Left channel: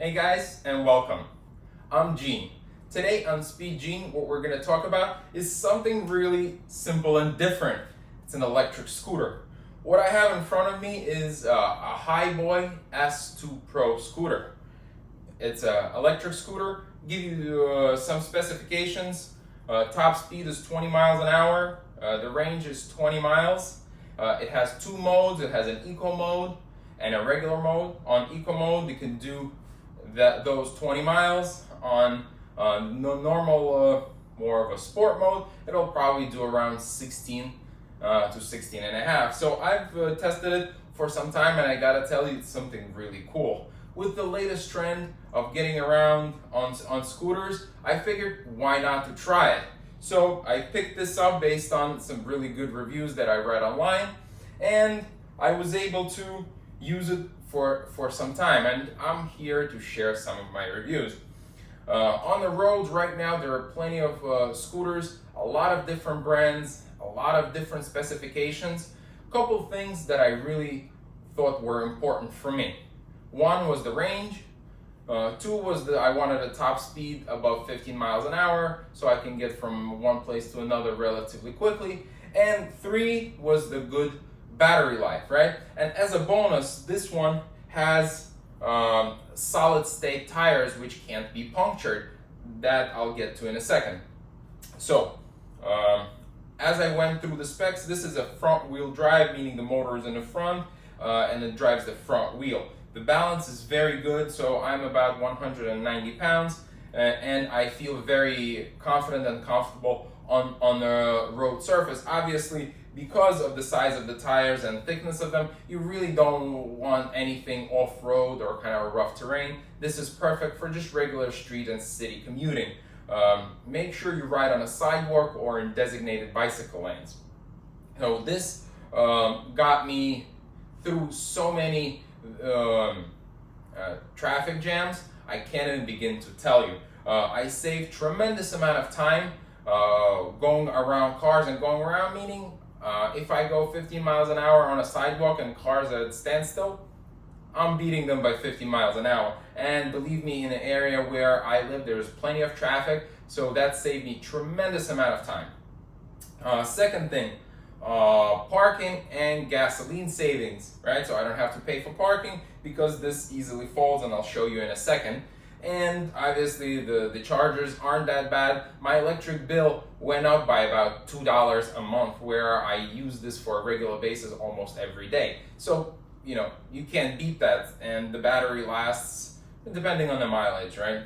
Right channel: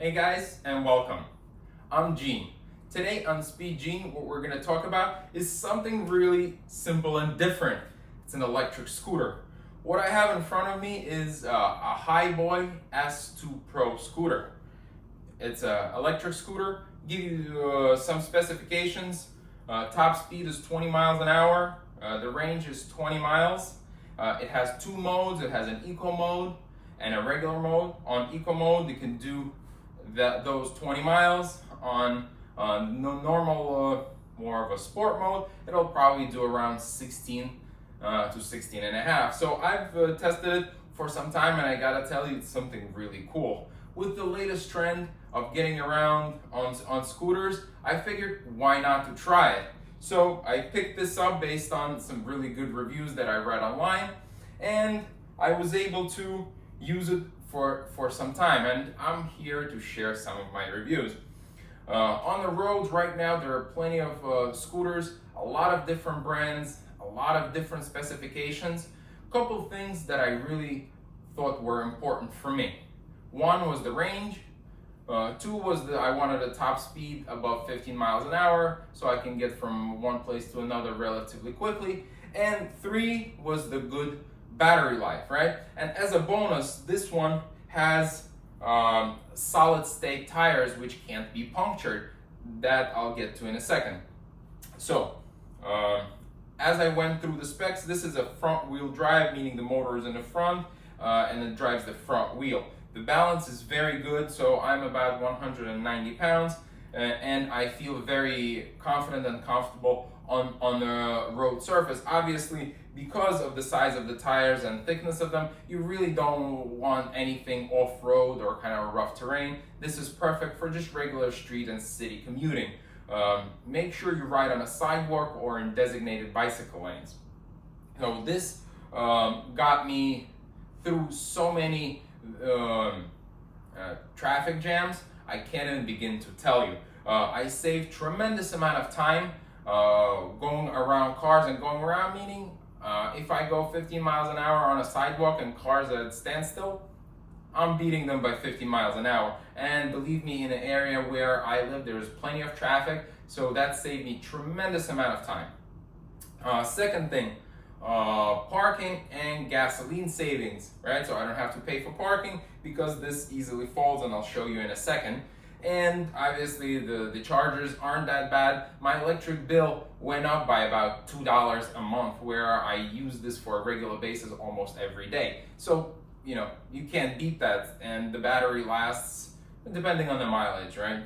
Hey guys, and welcome. I'm Gene. Today on Speed Gene, what we're going to talk about is something really simple and different. It's an electric scooter. What I have in front of me is a Hiboy S2 Pro scooter. It's an electric scooter. Give you some specifications. Top speed is 20 miles an hour. The range is 20 miles. It has two modes. It has an eco mode and a regular mode. On eco mode, you can do those 20 miles. On normal, more of a sport mode, it'll probably do around 16 to 16 and a half. So I've tested it for some time, and I gotta tell you, it's something really cool. With the latest trend of getting around on scooters, I figured why not to try it. So I picked this up based on some really good reviews that I read online, and I was able to use it for some time, and I'm here to share some of my reviews. On the roads right now, there are plenty of scooters, a lot of different brands, a lot of different specifications. A couple things that I really thought were important for me. One was the range. Two was that I wanted a top speed above 15 miles an hour so I can get from one place to another relatively quickly. And three was the good battery life, right? And as a bonus, this one has solid state tires which can't be punctured. That I'll get to in a second. So, as I went through the specs, this is a front wheel drive, meaning the motor is in the front and it drives the front wheel. The balance is very good, so I'm about 190 pounds and I feel very confident and comfortable on the road surface. Obviously, because of the size of the tires and thickness of them, you really don't want anything off-road or kind of rough terrain. This is perfect for just regular street and city commuting. Make sure you ride on a sidewalk or in designated bicycle lanes. So this got me through so many traffic jams, I can't even begin to tell you. I saved tremendous amount of time going around cars and going around, meaning if I go 15 miles an hour on a sidewalk and cars at standstill, I'm beating them by 50 miles an hour. And believe me, in an area where I live, there's plenty of traffic, so that saved me tremendous amount of time. Second thing, parking and gasoline savings, right? So I don't have to pay for parking because this easily falls, and I'll show you in a second. And obviously the chargers aren't that bad. My electric bill went up by about $2 a month, where I use this for a regular basis almost every day. So, you know, you can't beat that, and the battery lasts depending on the mileage, right?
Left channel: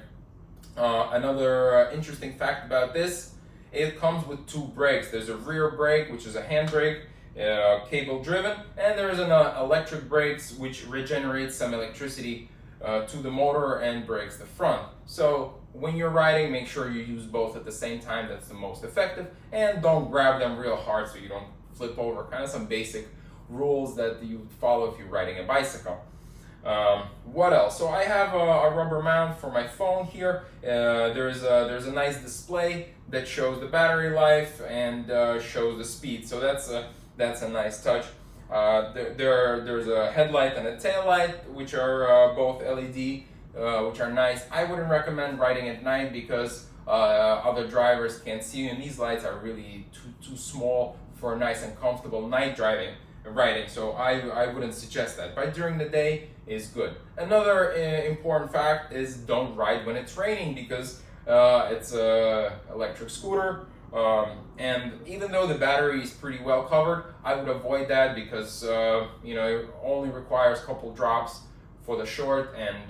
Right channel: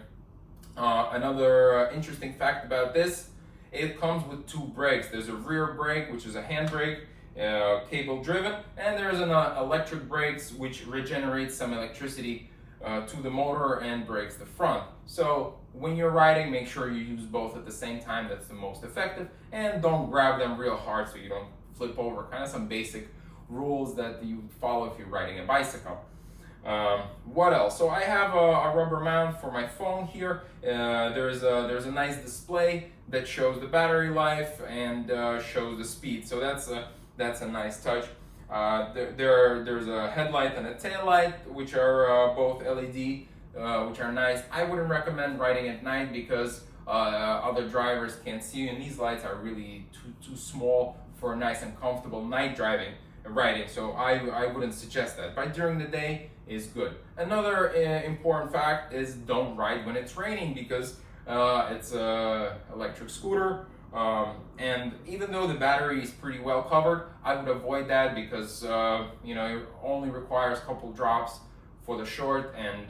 Another interesting fact about this, it comes with two brakes. There's a rear brake, which is a handbrake, cable driven, and there's an electric brakes which regenerates some electricity to the motor and brakes the front. So when you're riding, make sure you use both at the same time. That's the most effective, and don't grab them real hard so you don't flip over. Kind of some basic rules that you follow if you're riding a bicycle. What else? So I have a rubber mount for my phone here. There's a nice display that shows the battery life and shows the speed. So that's a nice touch. There's a headlight and a tail light, which are both LED, which are nice. I wouldn't recommend riding at night because other drivers can't see you, and these lights are really too small for nice and comfortable night driving and riding. So I wouldn't suggest that. But during the day is good. Another important fact is don't ride when it's raining, because it's a electric scooter. And even though the battery is pretty well covered, I would avoid that because you know, it only requires a couple drops for the short and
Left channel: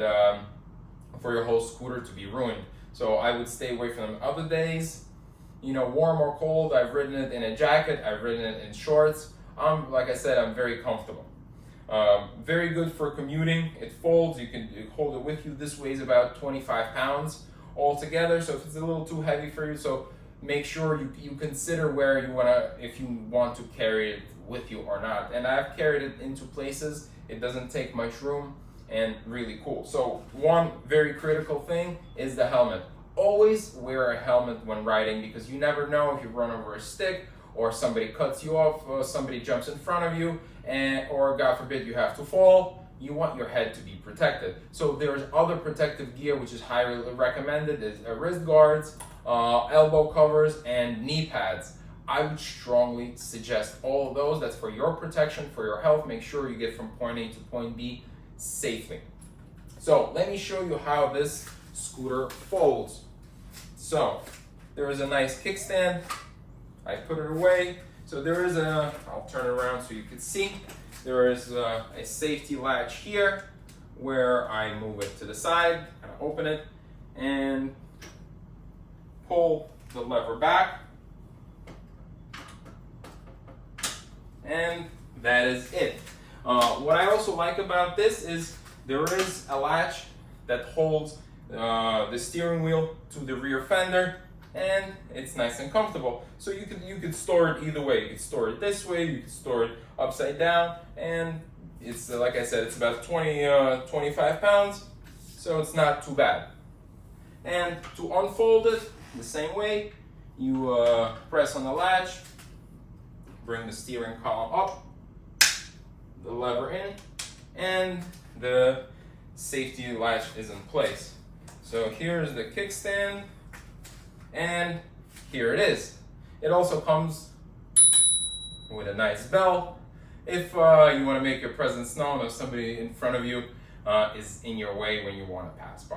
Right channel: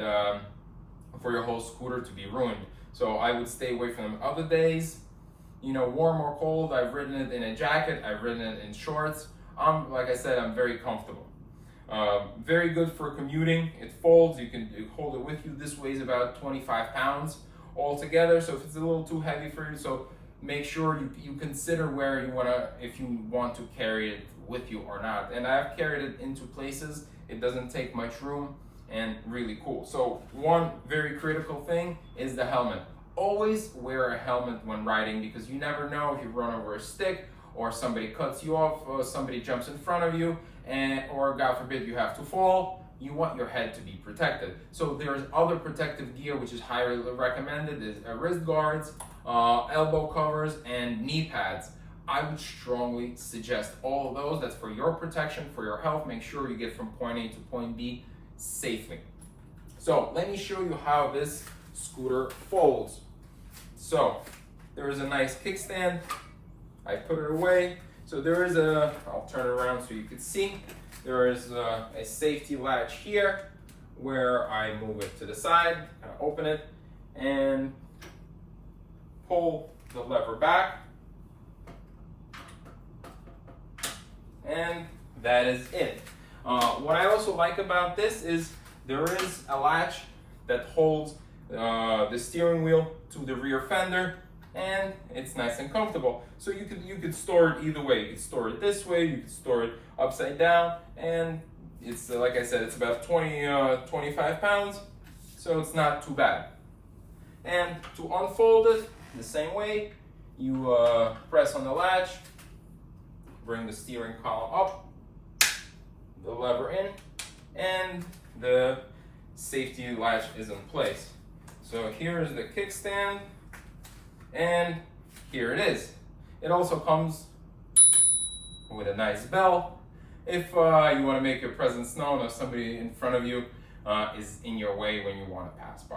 for your whole scooter to be ruined. So I would stay away from them. Other days, you know, warm or cold, I've ridden it in a jacket, I've ridden it in shorts. Like I said, I'm very comfortable. Very good for commuting. It folds, you can hold it with you. This weighs about 25 pounds altogether, so if it's a little too heavy for you, so make sure you consider where you if you want to carry it with you or not. And I've carried it into places. It doesn't take much room, and really cool. So one very critical thing is the helmet. Always wear a helmet when riding, because you never know if you run over a stick or somebody cuts you off, somebody jumps in front of you, or God forbid you have to fall, you want your head to be protected. So there's other protective gear which is highly recommended. There's wrist guards, elbow covers, and knee pads. I would strongly suggest all of those. That's for your protection, for your health. Make sure you get from point A to point B safely. So let me show you how this scooter folds. So there is a nice kickstand. I put it away. So there is I'll turn it around so you can see. There is a safety latch here where I move it to the side, kind of open it, and pull the lever back. And that is it. What I also like about this is there is a latch that holds the steering wheel to the rear fender, and it's nice and comfortable. So you could store it either way. You could store it this way, you could store it upside down, and it's like I said, it's about 25 pounds, so it's not too bad. And to unfold it the same way, you press on the latch, bring the steering column up, the lever in, and the safety latch is in place. So here's the kickstand, and here it is. It also comes with a nice bell if you want to make your presence known or somebody in front of you is in your way when you want to pass by.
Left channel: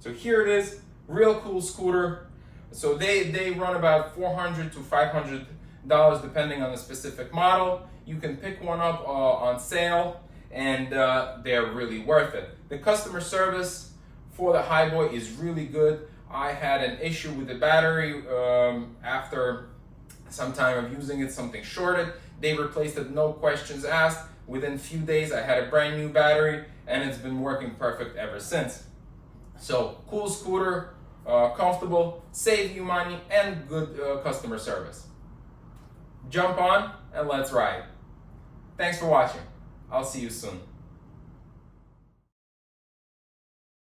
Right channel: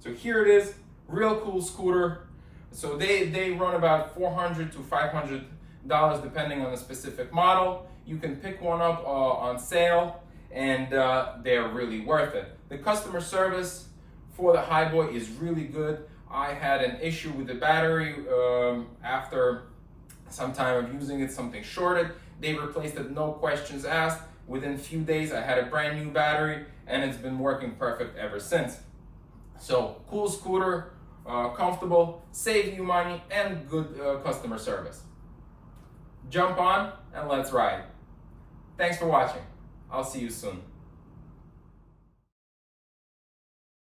So here it is, real cool scooter. So they run about $400 to $500 depending on the specific model. You can pick one up on sale, and they're really worth it. The customer service for the Hiboy is really good. I had an issue with the battery after some time of using it, something shorted. They replaced it, no questions asked. Within a few days, I had a brand new battery, and it's been working perfect ever since. So cool scooter, comfortable, save you money, and good customer service. Jump on and let's ride. Thanks for watching. I'll see you soon.